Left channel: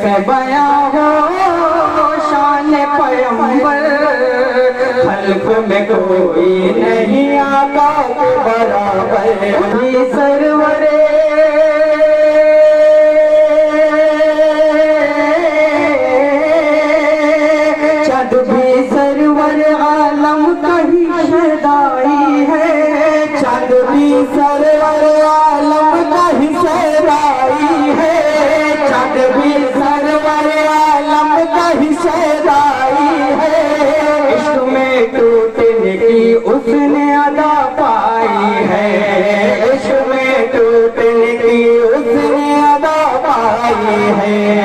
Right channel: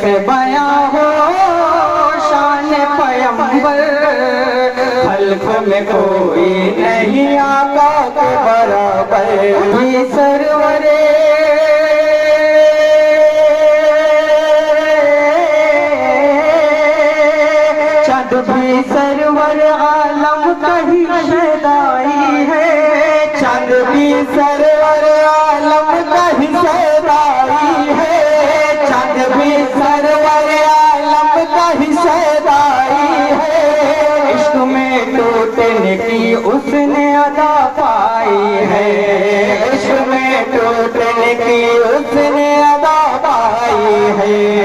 कैसे बयां हो शान पैगंबर, खल्क में कोई नहीं आका के बराबर। सरवरे चंद भी सरवर आलम कहीं सदाई है, चंद भी सरवर आलम कहीं सदाई है, चंद भी सरवर आलम कहीं सदाई है। इश्क में टूटने की उसने अदा पाई है, इश्क में टूटने की उसने अदा पाई है।